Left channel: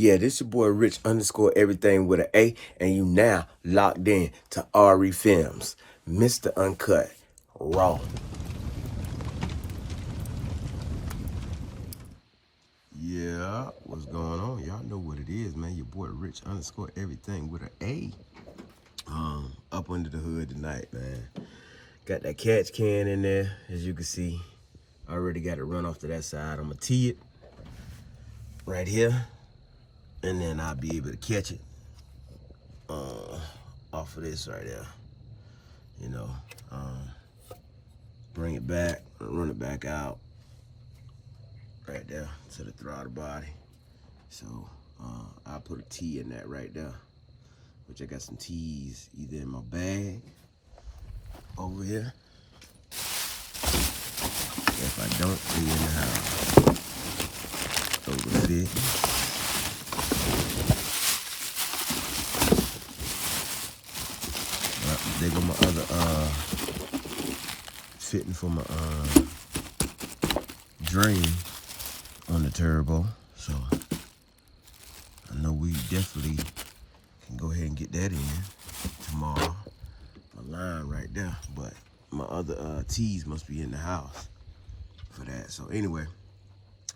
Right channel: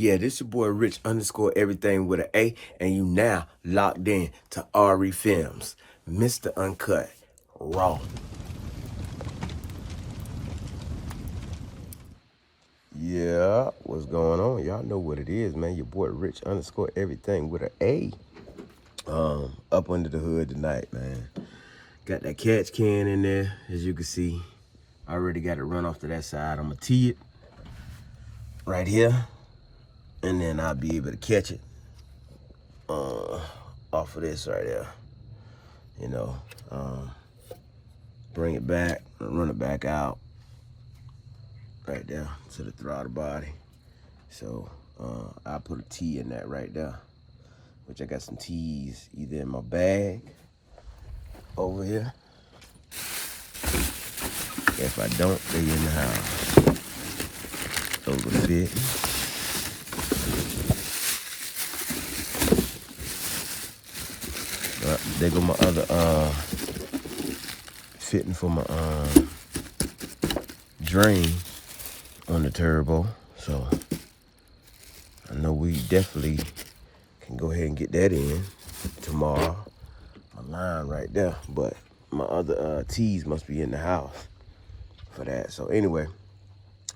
Yeah, this your boy Rich underscore everything with an A, and you now locked in to RE Films, Mr. Uncut, Raw. Yeah, what's going on? Y'all know what it is, man. Your boy Rich underscore everything with an A. Up under the hood tonight, man. Got that catch can in there, as you can see. I already got it run off to that side. I'm gonna tee it right here, and then I'll be able to catch it off of this right there. You know, bring it back, run it back out right there to the throttle body. So I'll put a T in that right there, which I got some T's either in my bag over here. If I don't, they in the house. Over the bit. There go my other fitting for my drain on the turbo. So I know we definitely can go ahead and get that in tomorrow. My line right there, but my other T's must be in the house for that. So anyway,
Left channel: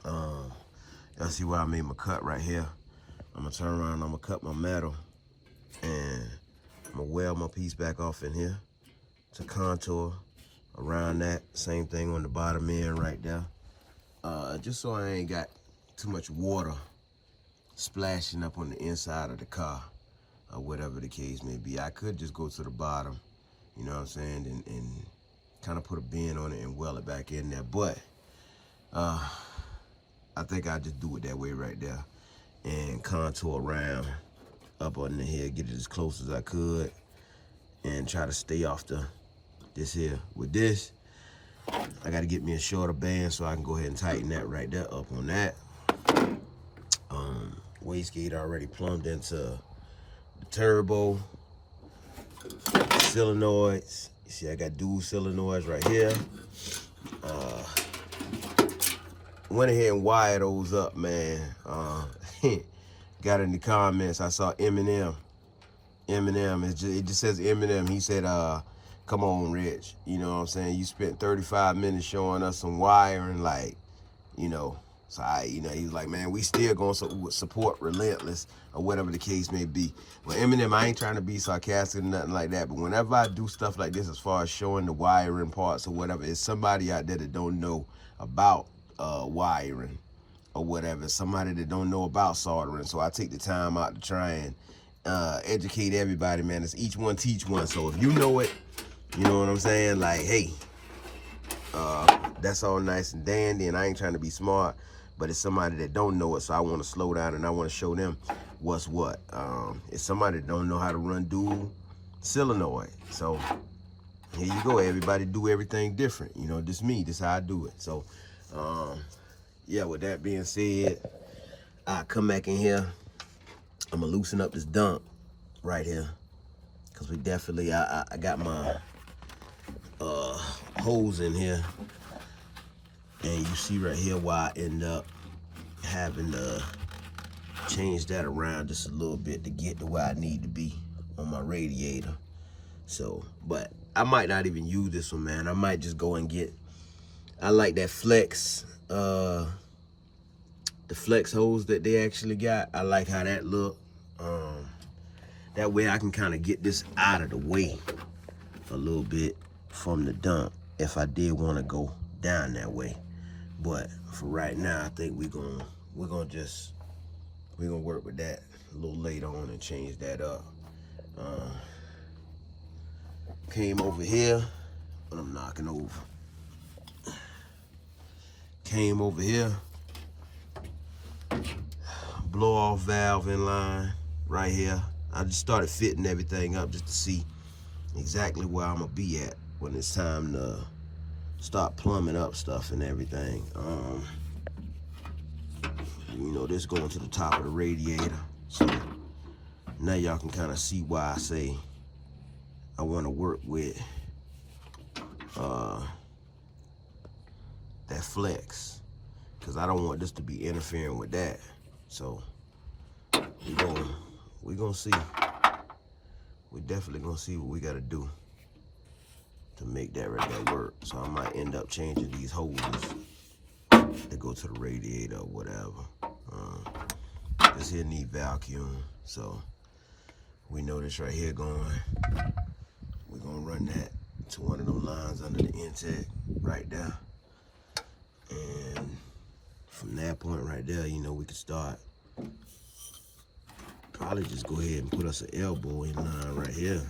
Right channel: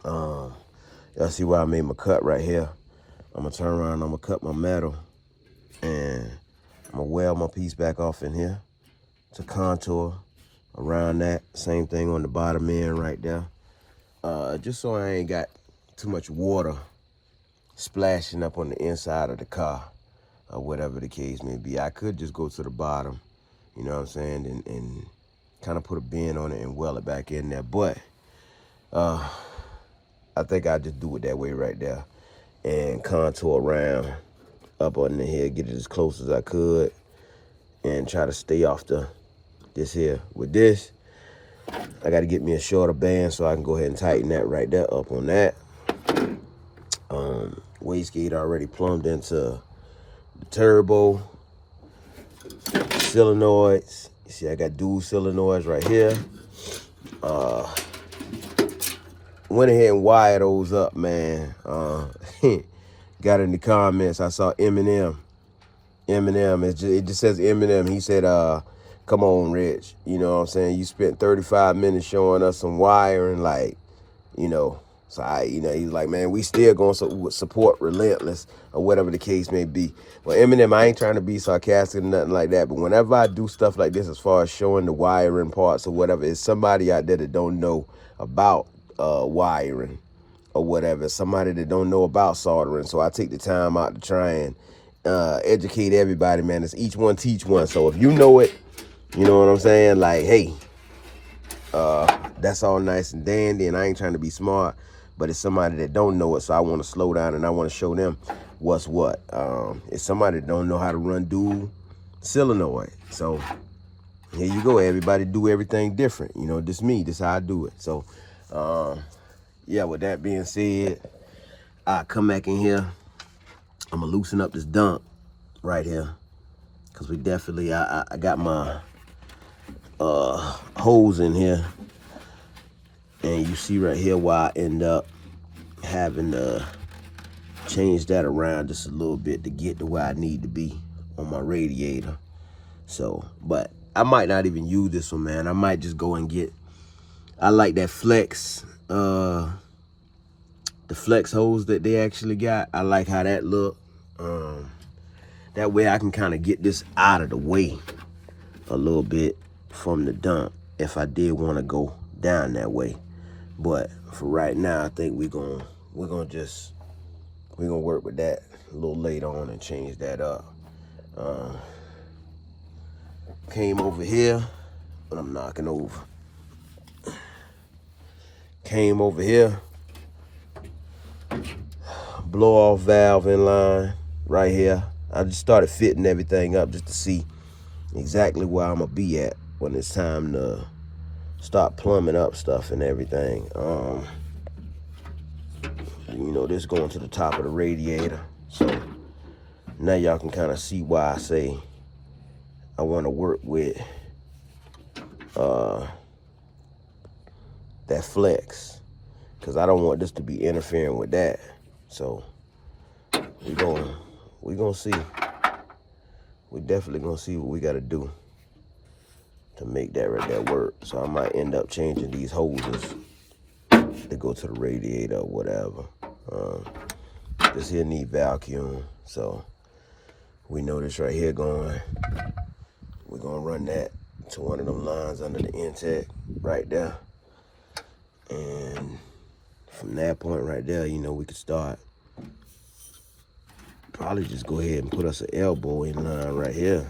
y'all see why I made my cut right here. I'm gonna turn around, I'm gonna cut my metal, and I'm gonna weld my piece back off in here to contour around that. Same thing on the bottom end right there. Just so I ain't got too much water splashing up on the inside of the car or whatever the case may be. I could just go to the bottom, you know what I'm saying, and kind of put a bend on it and weld it back in there. But I think I'll just do it that way right there and contour around up under here, get it as close as I could, and try to stay off this here. With this, I got to get me a shorter band so I can go ahead and tighten that right there up on that. Wastegate already plumbed into the turbo, solenoids. You see I got dual solenoids right here. Went ahead and wired those up, man. Got in the comments, I saw Eminem, it just says Eminem. He said, come on, Rich. You know what I'm saying? You spent 35 minutes showing us some wiring, like, you know. So he's like, man, we still gonna support Relentless or whatever the case may be. Well, Eminem, I ain't trying to be sarcastic or nothing like that, but whenever I do stuff like this, as far as showing the wiring parts or whatever, it's somebody out there that don't know about wiring or whatever, somebody that don't know about soldering. So I take the time out to try and educate everybody, man. It's each one teach one. So if you know it, you know what I'm saying? Like, hey, that's all nice and dandy, and I ain't trying to be smart, but it's somebody that don't know it, so I want to slow down and I want to show them what's what. It's somebody that don't know how to run dual solenoid. So here you go. Everybody do everything different. You know, this me. This how I do it. So, yeah, with that being said, I come back in here. I'm going to loosen up this dump right here, because we definitely, I got my holes in here. And you see right here why I end up having to change that around just a little bit to get to where I need to be on my radiator. So, but I might not even use this one, man. I might just go and get, I like that flex, the flex hose that they actually got. I like how that look. That way I can kind of get this out of the way a little bit from the dump if I did want to go down that way. But for right now, I think we're gonna work with that a little later on and change that up. Came over here, but I'm knocking over. Came over here, blow off valve in line right here. I just started fitting everything up just to see exactly where I'm gonna be at when it's time to start plumbing up stuff and everything. You know, this going to the top of the radiator. So now y'all can kind of see why I say I want to work with that flex, because I don't want this to be interfering with that. So we gonna see. We definitely gonna see what we gotta do to make that right there work. So I might end up changing these hoses to go to the radiator or whatever. This here need vacuum, so we know this right here going. We're gonna run that to one of them lines under the intake right there, and from that point right there, you know, we could start. Probably just go ahead and put us an elbow in line right here,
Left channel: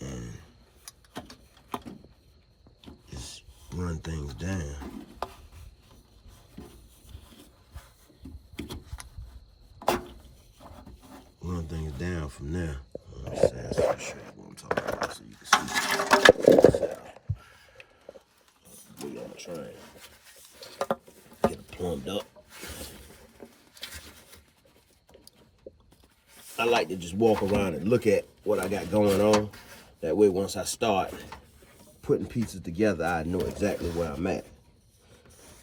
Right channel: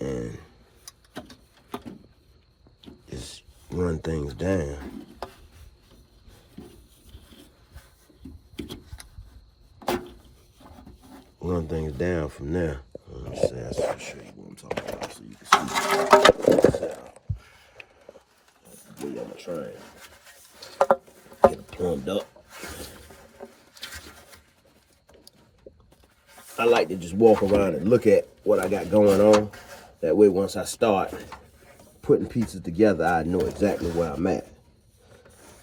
and just run things down. Run things down from there. Let me show you what I'm talking about so you can see. We're gonna try and get it plumbed up. I like to just walk around and look at what I got going on. That way, once I start putting pieces together, I know exactly where I'm at.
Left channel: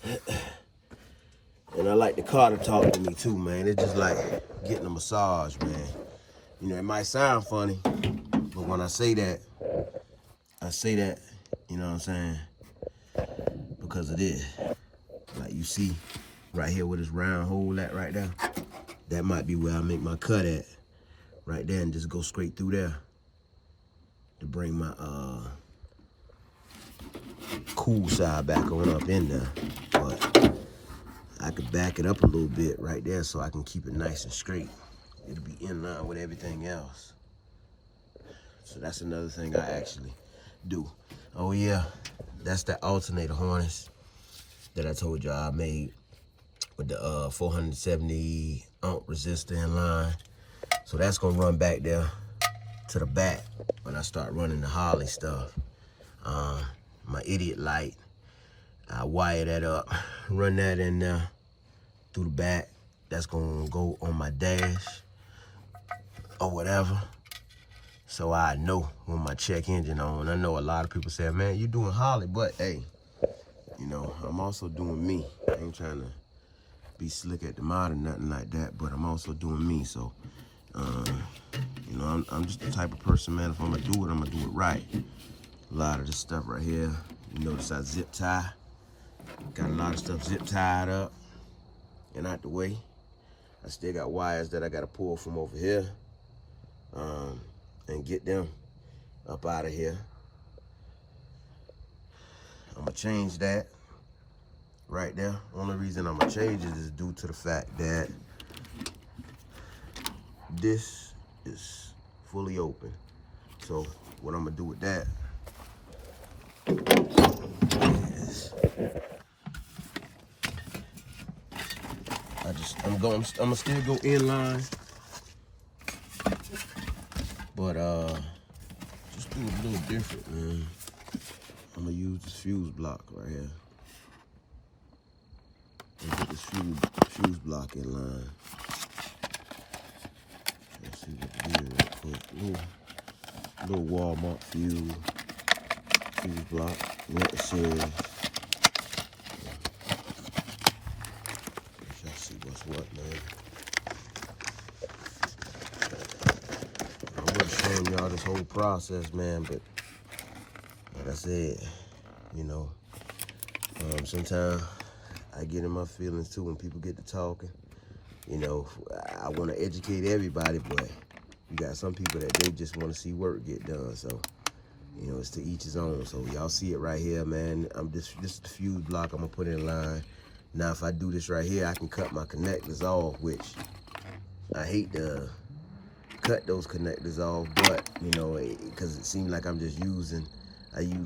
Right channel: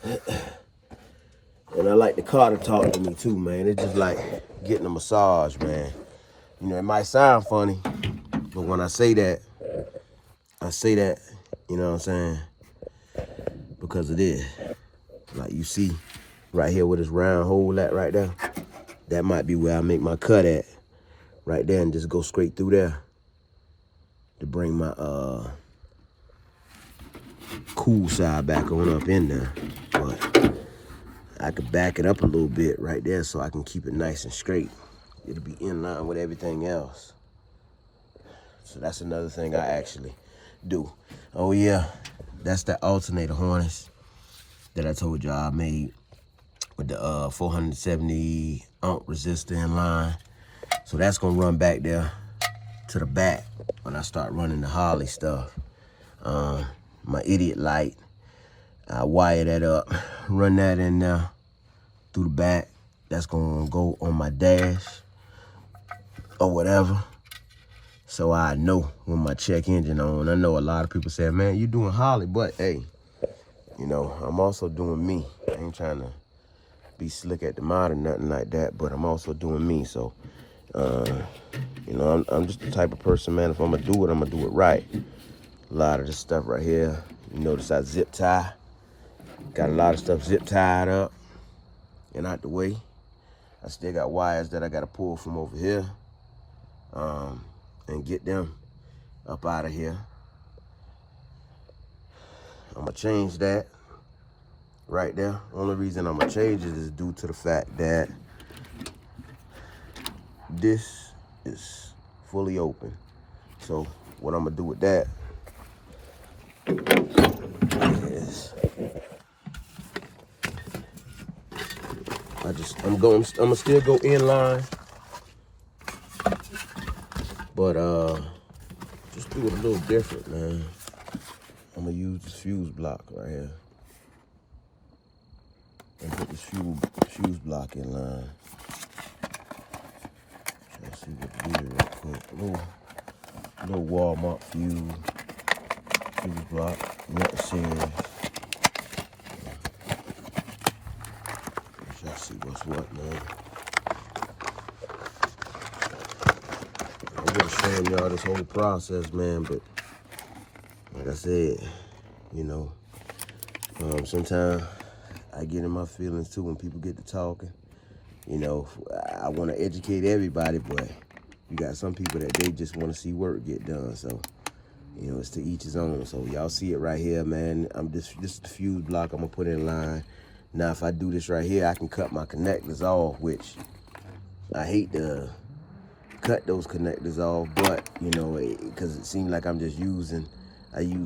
And I like the car to talk to me too, man. It's just like getting a massage, man. You know, it might sound funny, but when I say that, you know what I'm saying? Because it is. Like you see right here where this round hole at right there, that might be where I make my cut at. Right there, and just go straight through there to bring my cool side back on up in there. But I could back it up a little bit right there so I can keep it nice and straight. It'll be in line with everything else. So that's another thing I actually do. Oh yeah, that's that alternator harness that I told y'all I made with the 470 ohm resistor in line. So that's gonna run back there to the back when I start running the Harley stuff. My idiot light, I wire that up, run that in there through the back. That's gonna go on my dash or whatever. So I know when my check engine on. I know a lot of people say, man, you doing Harley, but hey, you know, I'm also doing me. I ain't trying to be slick at the mod or nothing like that, but I'm also doing me. So you know, I'm just the type of person, man, if I'm gonna do it, I'm gonna do it right. A lot of this stuff right here, you notice I zip tie. Got a lot of stuff zip tied up and out the way. I still got wires that I gotta pull from over here and get them up out of here. I'm gonna change that right there. Only reason I'm gonna change it is due to the fact that this is fully open. So what I'm gonna do with that is I'm gonna still go in line, but just do it a little different, man. I'm gonna use this fuse block right here. And put this fuse block in line. Let's see what it is real quick. Little Walmart fuse block. Winter series. Y'all see what's what, man. I'm just showing y'all this whole process, man, but like I said, you know, sometimes I get in my feelings too when people get to talking. You know, I want to educate everybody, but you got some people that they just want to see work get done. So, you know, it's to each his own. So y'all see it right here, man. This is the fuse block I'm gonna put in line. Now, if I do this right here, I can cut my connectors off, which I hate to cut those connectors off, but you know, because it seems like I use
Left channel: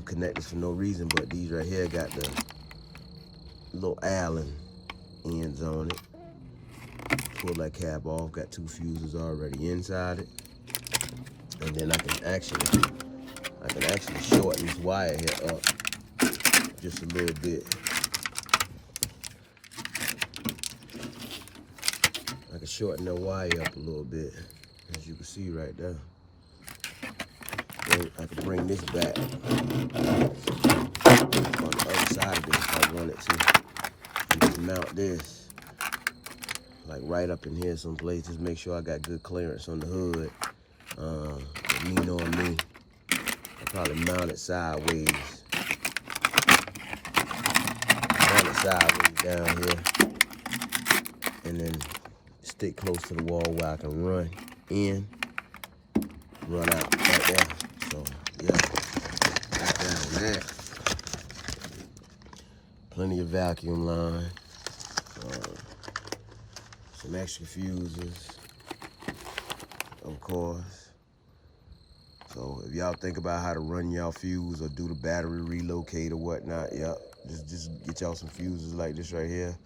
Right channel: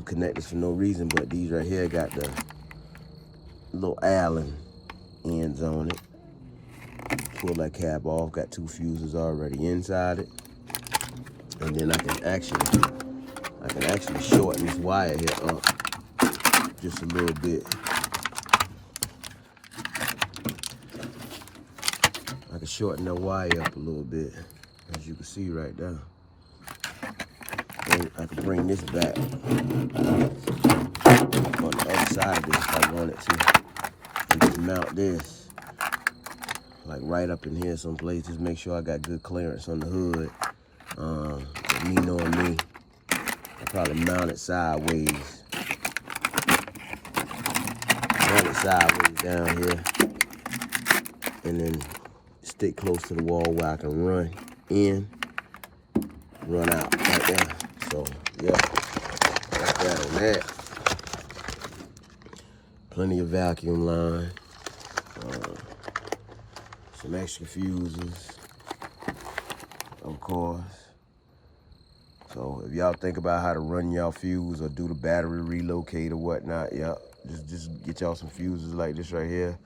connectors for no reason. But these right here got the little Allen ends on it. Pull that cap off, got 2 fuses already inside it. And then I can actually shorten this wire here up just a little bit. I can shorten that wire up a little bit, as you can see right there. And I can bring this back on the other side of this if I wanted to, and just mount this like right up in here someplace. Just make sure I got good clearance on the hood. Me knowing me, I probably mount it sideways. Mount it sideways down here. And then stick close to the wall where I can run in, run out right there. So, yeah, that's that on that. Plenty of vacuum line. Some extra fuses, of course. So if y'all think about how to run y'all fuse or do the battery relocate or whatnot, yeah, just get y'all some fuses like this right here.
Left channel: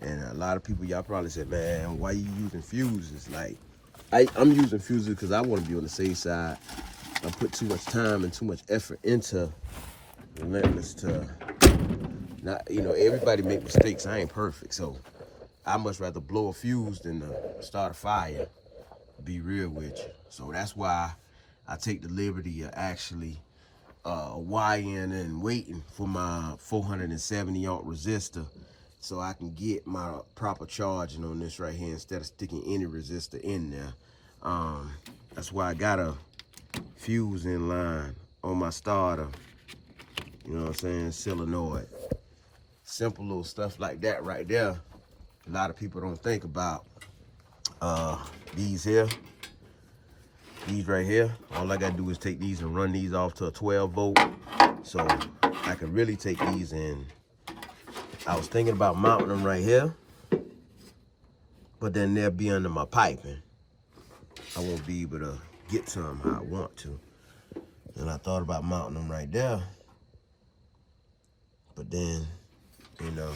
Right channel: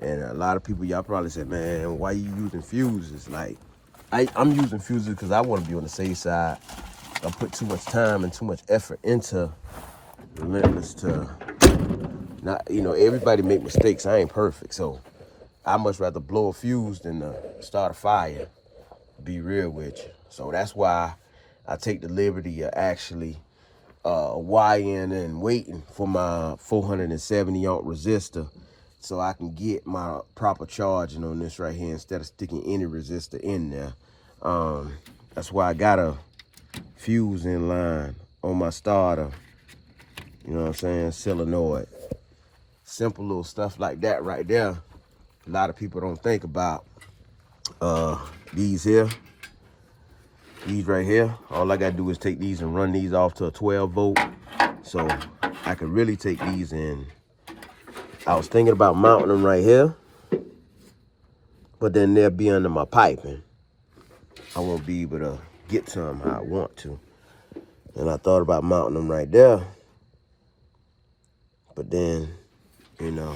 And a lot of people, y'all probably say, man, why you using fuses? Like, I'm using fuses because I want to be on the safe side. I put too much time and too much effort into Relentless to not, you know, everybody make mistakes. I ain't perfect, so I much rather blow a fuse than start a fire, be real with you. So that's why I take the liberty of actually wiring and waiting for my 470 ohm resistor so I can get my proper charging on this right here instead of sticking any resistor in there. That's why I got a fuse in line on my starter. You know what I'm saying? Solenoid. Simple little stuff like that right there. A lot of people don't think about these here. These right here. All I gotta do is take these and run these off to a 12 volt. So I can really take these in. I was thinking about mounting them right here, but then they'll be under my piping. I won't be able to get to them how I want to. And I thought about mounting them right there, but then, you know,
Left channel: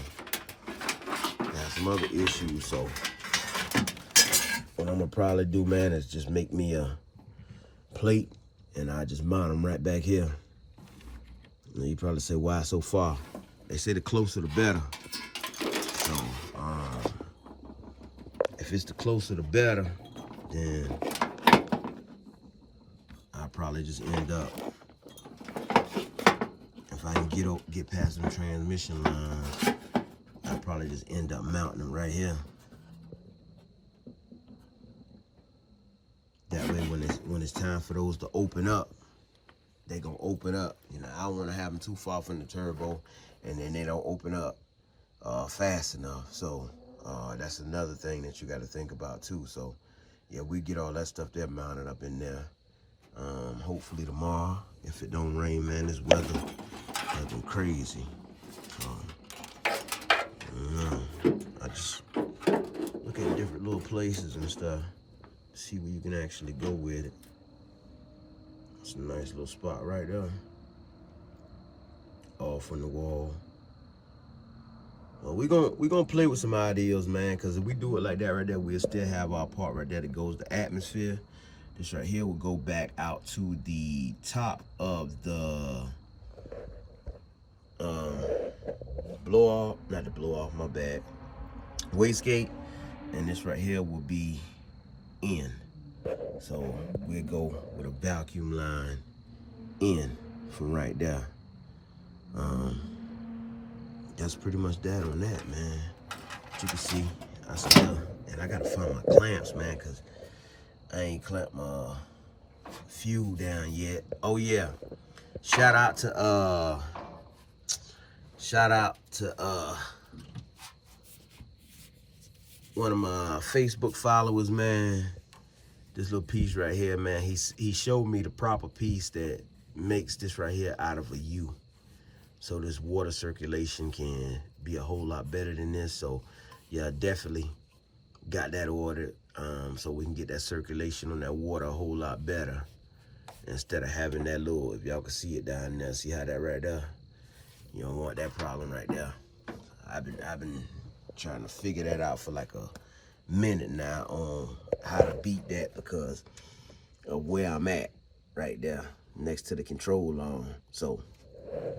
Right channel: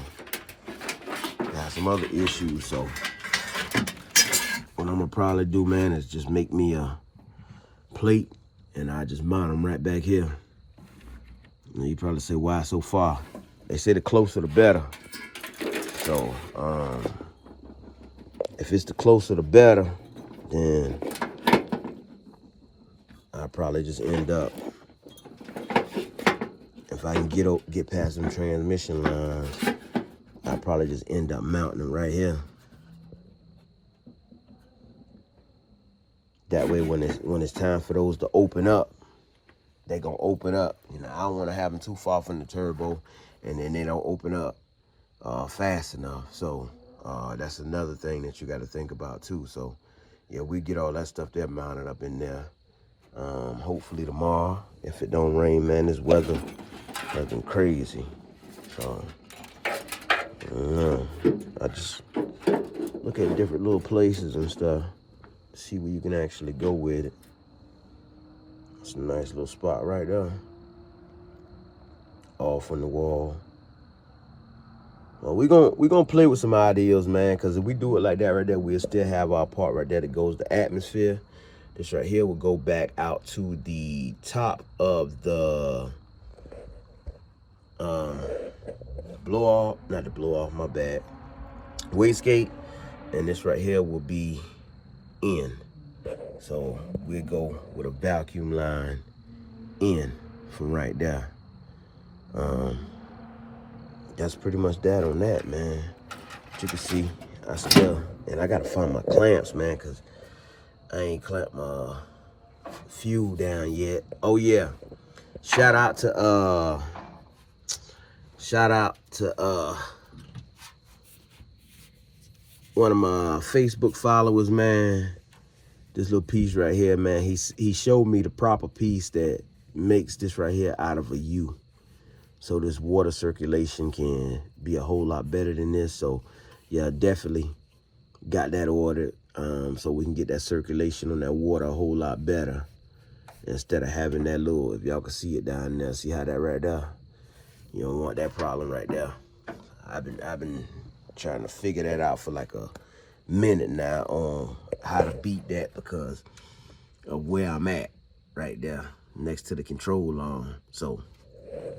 I have some other issues. So what I'm gonna probably do, man, is just make me a plate and I just mount them right back here. And you probably say, why so far? They say the closer the better. So if it's the closer the better, then I'll probably just end up, if I can get past them transmission lines, I'll probably just end up mounting them right here. That way when it's time for those to open up, they gonna open up. You know, I don't wanna have them too far from the turbo and then they don't open up fast enough. So that's another thing that you gotta think about too. So yeah, we get all that stuff there mounted up in there. Hopefully tomorrow, if it don't rain, man, this weather has been crazy. So I just look at different little places and stuff, see where you can actually go with it. It's a nice little spot right there. Off on the wall. Well, we gonna play with some ideas, man, because if we do it like that right there, we'll still have our part right there that goes to atmosphere. This right here will go back out to the top of the blow off, not the blow off, my bad, wastegate, and this right here will be in. So we'll go with a vacuum line in from right there. That's pretty much that on that, man. As you can see, I still, and I gotta find my clamps, man, because I ain't clamped my fuel down yet. Oh yeah, shout out to one of my Facebook followers, man. This little piece right here, man, he showed me the proper piece that makes this right here out of a U. So this water circulation can be a whole lot better than this. So yeah, definitely got that ordered so we can get that circulation on that water a whole lot better instead of having that little, if y'all can see it down there, see how that right there? You don't want that problem right there. I've been trying to figure that out for like a minute now on how to beat that because of where I'm at right there next to the control arm. So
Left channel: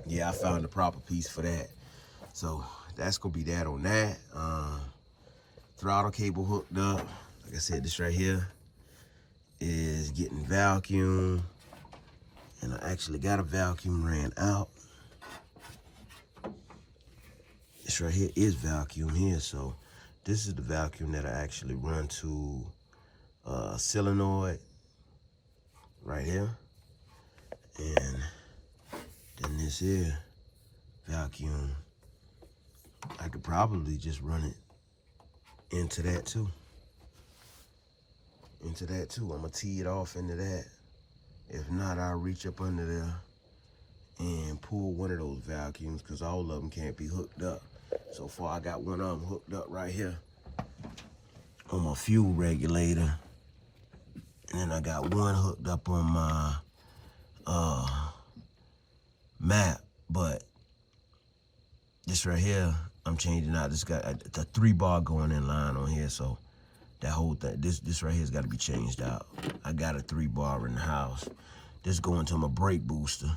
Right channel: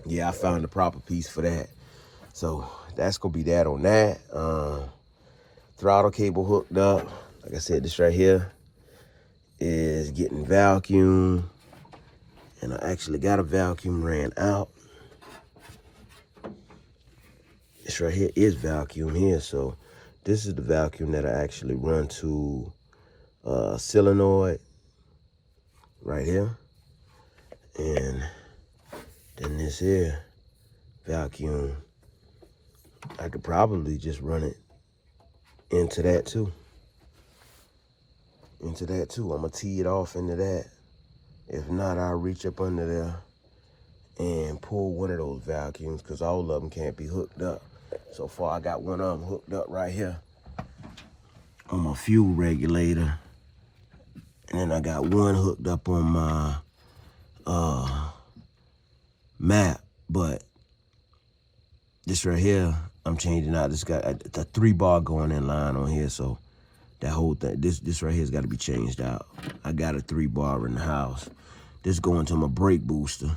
yeah, I found the proper piece for that. So that's gonna be that on that. Throttle cable hooked up. Like I said, this right here is getting vacuum, and I actually got a vacuum ran out. This right here is vacuum here, so This is the vacuum that I actually run to solenoid right here. And then this here vacuum, I could probably just run it into that too. I'm gonna tee it off into that. If not, I'll reach up under there and pull one of those vacuums, because all of them can't be hooked up. So far, I got one of them hooked up right here on my fuel regulator. And then I got one hooked up on my map. But this right here, I'm changing out. This got a 3-bar going in line on here, so that whole thing, this right here's got to be changed out. I got a 3-bar in the house. This going to my brake booster.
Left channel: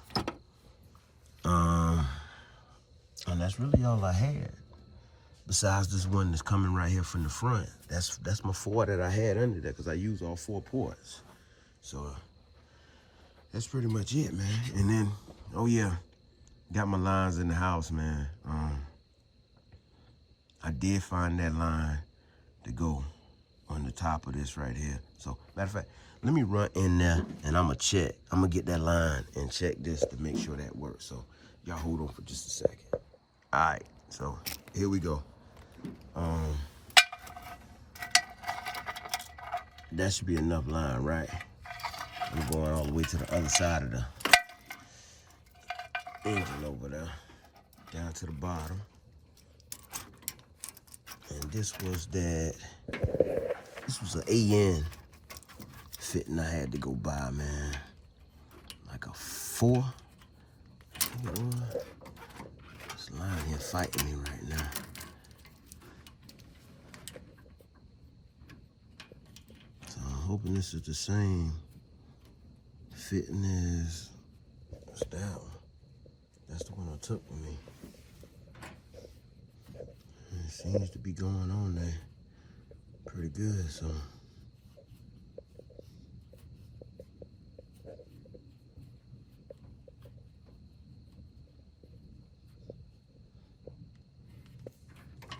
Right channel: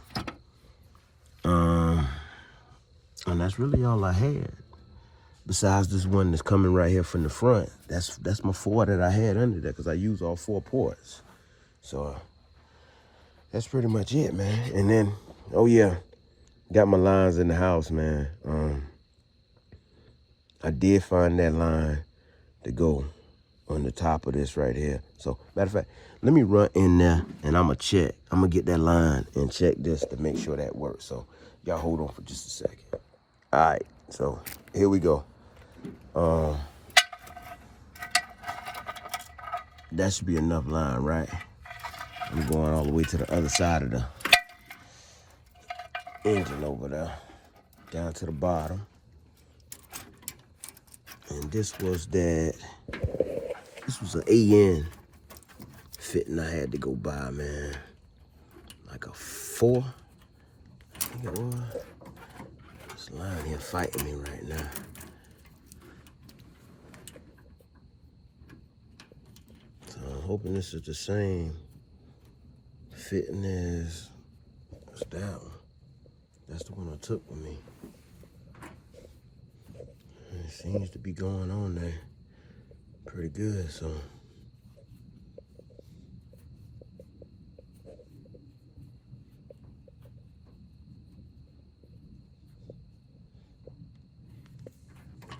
And that's really all I had. Besides this one that's coming right here from the front. That's my 4 that I had under there, because I use all 4 ports. So that's pretty much it, man. And then, oh yeah, got my lines in the house, man. I did find that line to go on the top of this right here. So, matter of fact, let me run in there and I'm gonna check. I'm gonna get that line and check this to make sure that works. So, y'all hold on for just a second. All right, so here we go. That should be enough line, right? I'm going all the way to the other side of the engine over there, down to the bottom. And this was an AN fitting I had to go buy, man. Like a 4. You know, this line here fighting me right now. So I'm hoping this is the same fitting as that one. That's the one I took with me. And it seems to be going on there pretty good, so.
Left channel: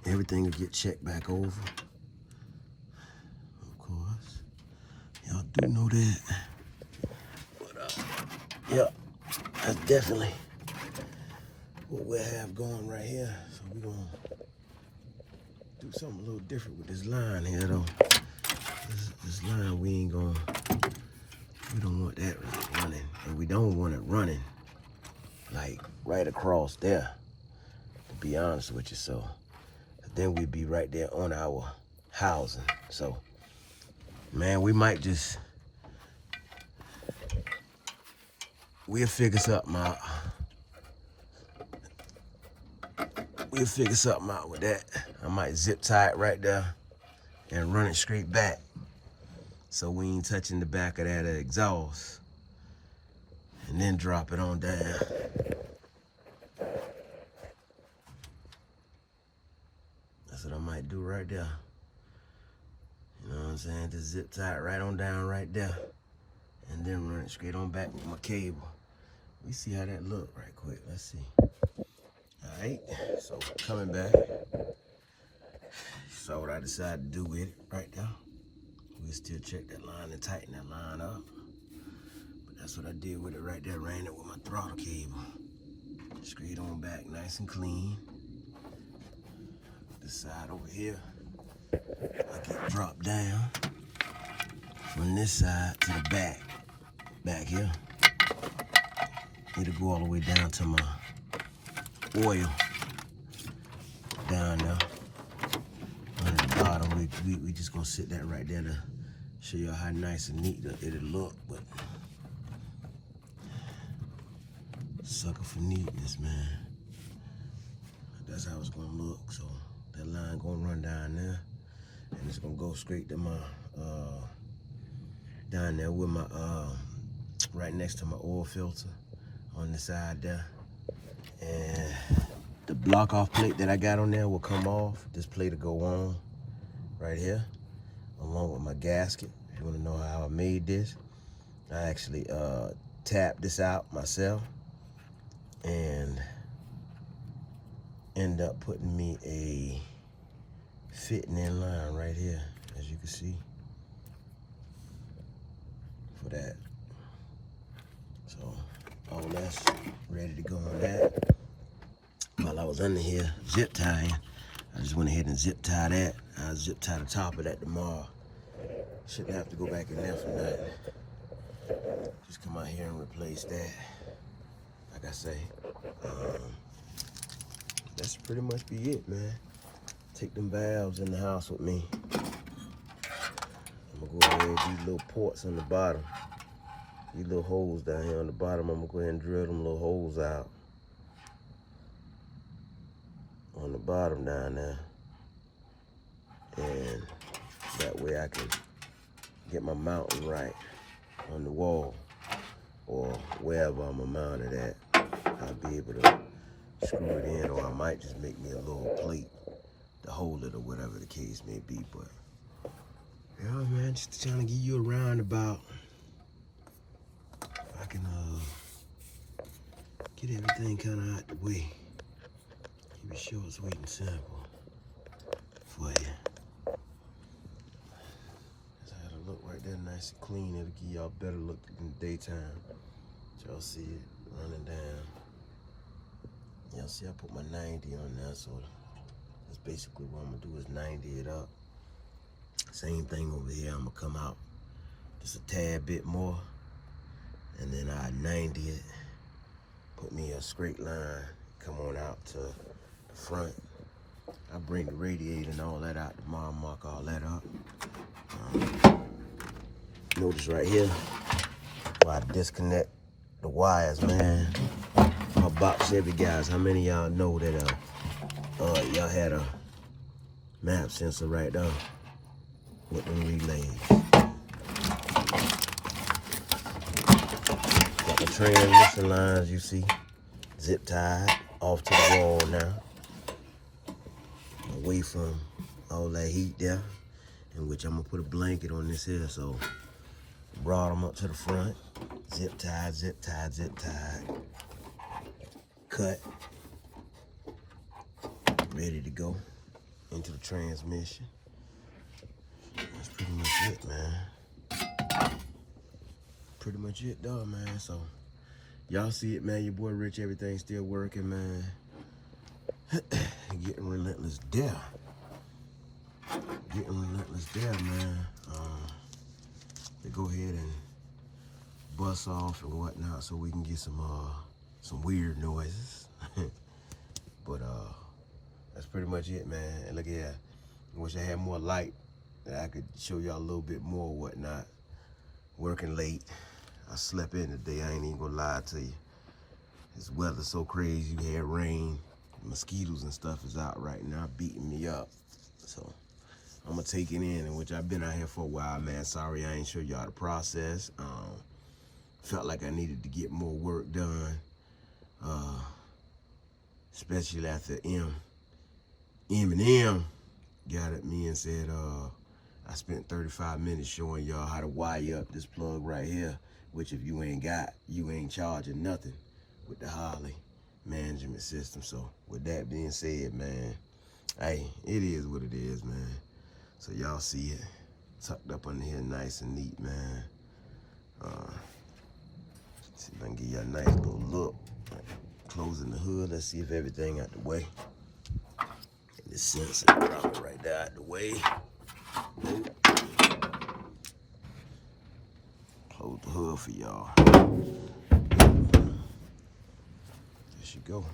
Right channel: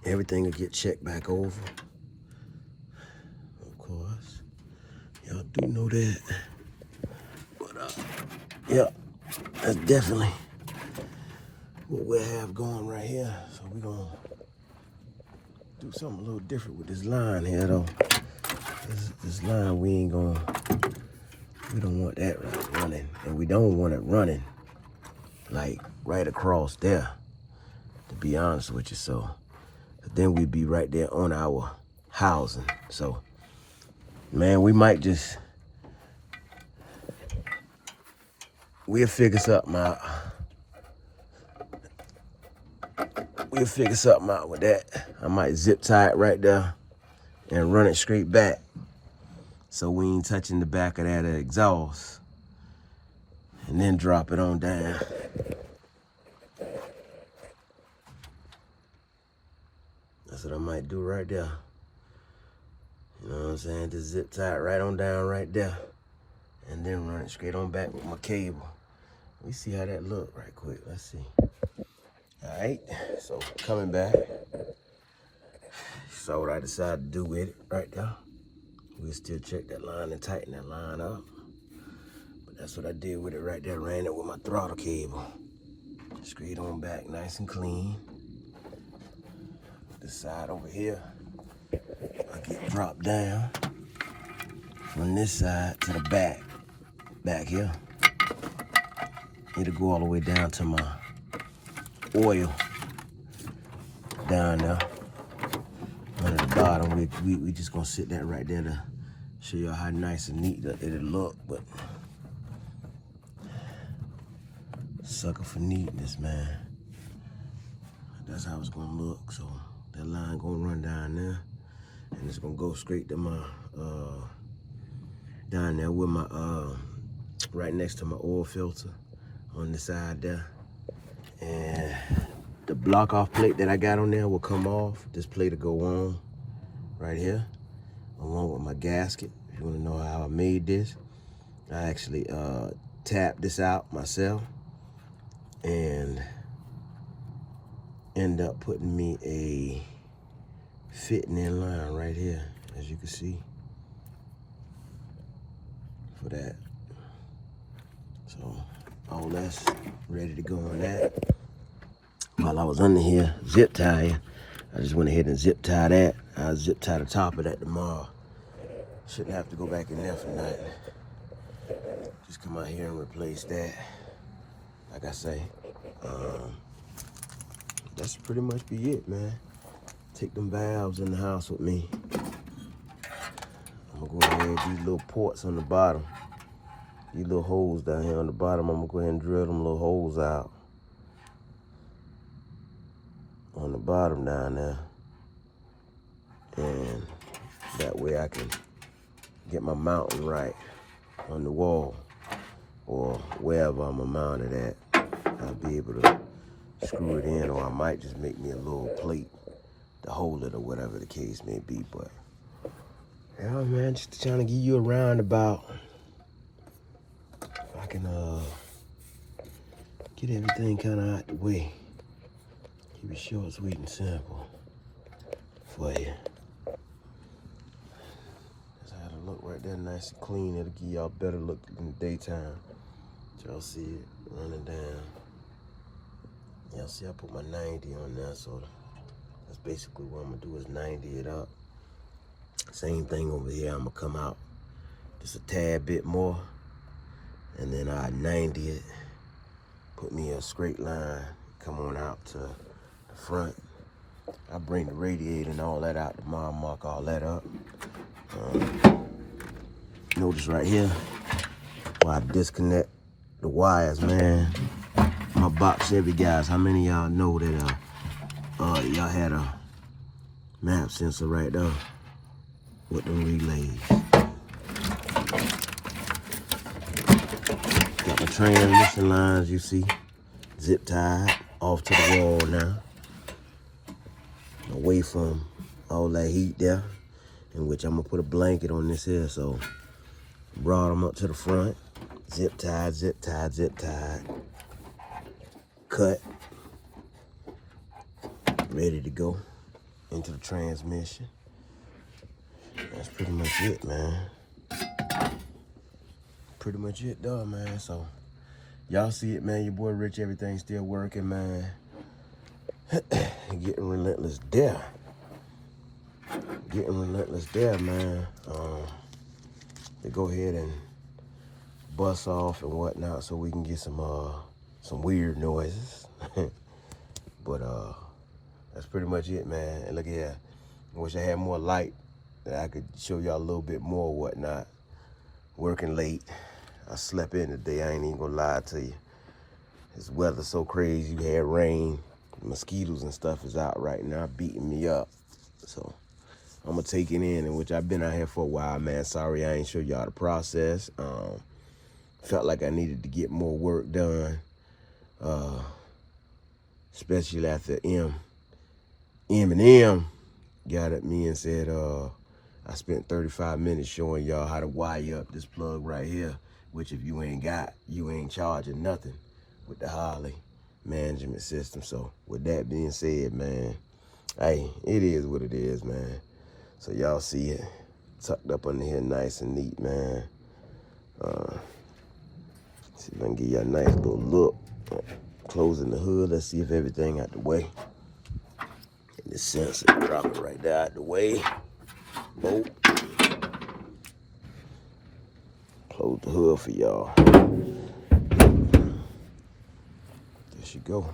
Everything will get checked back over. Of course. Y'all do know that. But, yeah, that's definitely what we have going right here. So we're going to do something a little different with this line here, though. This line, we don't want that running. And we don't want it running, like, right across there, to be honest with you. So then we'd be right there on our housing. So, man, we might just, we'll figure something out. We'll figure something out with that. I might zip tie it right there and run it straight back, so we ain't touching the back of that exhaust, and then drop it on down. That's what I might do right there. You know what I'm saying? Just zip tie it right on down right there, and then run it straight on back with my cable. We see how that look right quick. Let's see. All right, so coming back. Saw what I decided to do with it right there. We'll still check that line and tighten that line up. But that's what I did with it right there. Ran it with my throttle cable. Straight on back, nice and clean. This side over here, I get dropped down from this side to the back here. It'll go all the way down to my oil down there. But at the bottom, we just gonna sit that right there to show you how nice and neat that it'll look. But sucker for neatness, man. That's how it's gonna look. So that line gonna run down there, and it's gonna go straight to my down there with my right next to my oil filter on the side there. And the block off plate that I got on there will come off. This plate will go on right here, along with my gasket. If you want to know how I made this, I actually tapped this out myself and end up putting me a fitting in line right here, as you can see, for that. So all that's ready to go on that. While I was under here zip tying, I just went ahead and zip tie that. I'll zip tie the top of that tomorrow. Shouldn't have to go back in there for nothing. Just come out here and replace that. Like I say, that's pretty much be it, man. Take them valves in the house with me. I'm gonna go ahead and these little ports on the bottom. These little holes down here on the bottom, I'm gonna go ahead and drill them little holes out on the bottom down there. And that way I can get my mounting right on the wall or wherever I'm gonna mount it at. I'll be able to screw it in, or I might just make me a little plate to hold it or whatever the case may be. But yeah, man, just trying to give you a roundabout. If I can get everything kind of out the way. Keep it short, sweet, and simple for you. Look right there, nice and clean. It'll give y'all better look in the daytime. Y'all see it running down. Y'all see I put my 90 on there, so that's basically what I'm gonna do is 90 it up. Same thing over here, I'm gonna come out just a tad bit more, and then I 90 it, put me a straight line, come on out to the front. I bring the radiator and all that out tomorrow, mark all that up. Notice right here, why I disconnect the wires, man. My box Chevy guys, how many of y'all know that y'all had a map sensor right there with them relays? Got the transmission lines, you see, zip tied off to the wall now, away from all that heat there, in which I'm gonna put a blanket on this here. So brought them up to the front, zip tied, zip tied, zip tied, cut, ready to go into the transmission. That's pretty much it, man. Pretty much it, though, man. So y'all see it, man. Your boy Rich, everything's still working, man. Getting relentless there. Getting relentless there, man. To go ahead and bust off and whatnot so we can get some weird noises. But that's pretty much it, man. And look here, I wish I had more light that I could show y'all a little bit more whatnot. Working late. I slept in today, I ain't even gonna lie to you. This weather's so crazy, you had rain, mosquitoes and stuff is out right now, beating me up. So I'm gonna take it in which I've been out here for a while, man. Sorry I ain't show y'all the process. Felt like I needed to get more work done, especially after M got at me and said I spent 35 minutes showing y'all how to wire up this plug right here, which if you ain't got, you ain't charging nothing with the Harley management system. So with that being said, man, hey, it is what it is, man. So y'all see it tucked up under here nice and neat, man. See if I can give you a nice little look. Closing the hood, let's see if everything out the way. And the sensor dropping right there out the way. Bolt. Close the hood for y'all. There she go.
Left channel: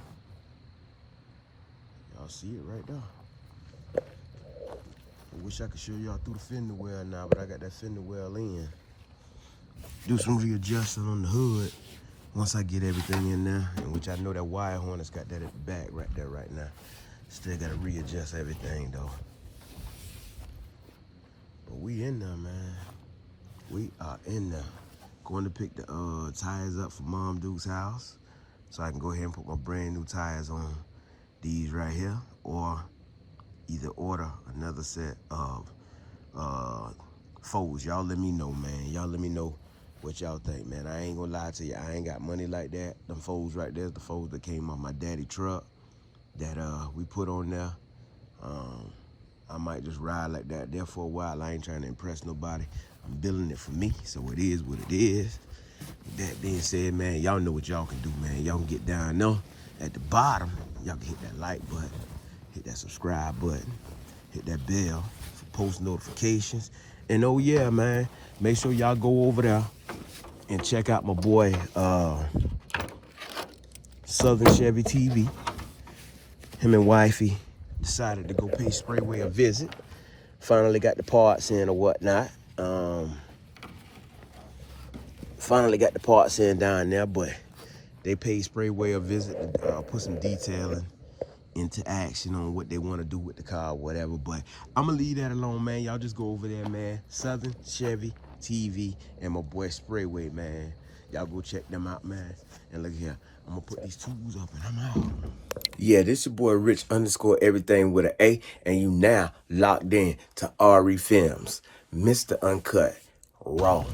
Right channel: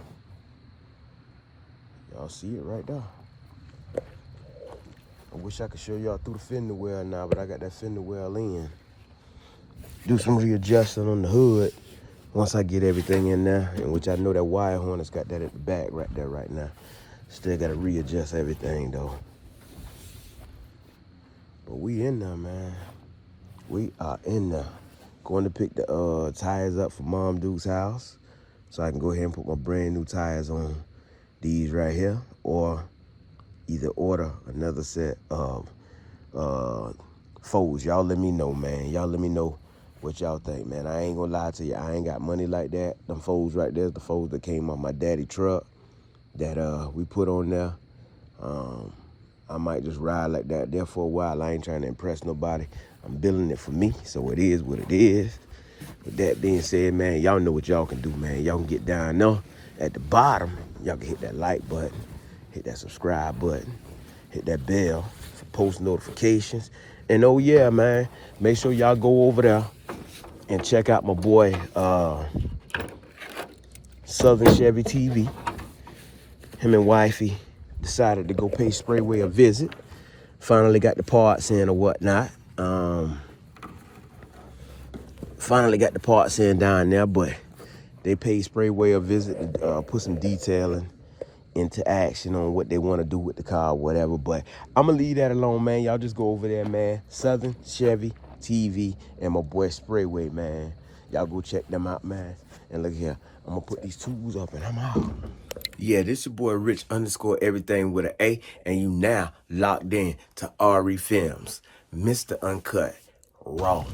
Y'all see it right there. I wish I could show y'all through the fender well now, but I got that fender well in. Do some readjusting on the hood once I get everything in there, in which I know that wire harness got that at the back right there right now. Still gotta readjust everything though. But we in there, man. We are in there. Going to pick the tires up for Mom Duke's house, so I can go ahead and put my brand new tires on these right here, or either order another set of foes. Y'all let me know, man. Y'all let me know what y'all think, man. I ain't gonna lie to you. I ain't got money like that. Them foes right there, the foes that came on my daddy truck that we put on there. I might just ride like that there for a while. I ain't trying to impress nobody. I'm building it for me, so it is what it is. With that being said, man, y'all know what y'all can do, man. Y'all can get down there at the bottom. Y'all can hit that like button, hit that subscribe button, hit that bell for post notifications. And oh yeah, man, make sure y'all go over there and check out my boy Southern Chevy TV. Him and wifey decided to go pay Sprayway a visit. Finally got the parts in or whatnot. Finally got the parts in down there, but they paid Sprayway a visit and put some detailing into action on what they want to do with the car or whatever. But I'm gonna leave that alone, man. Y'all just go over there, man. Southern Chevy TV and my boy Sprayway, man. Y'all go check them out, man. And look here, I'm gonna put these tools up and I'm out. Yeah, this your boy Rich _ everything with an A, and you now locked in to RE Films, Mr. Uncut Raw.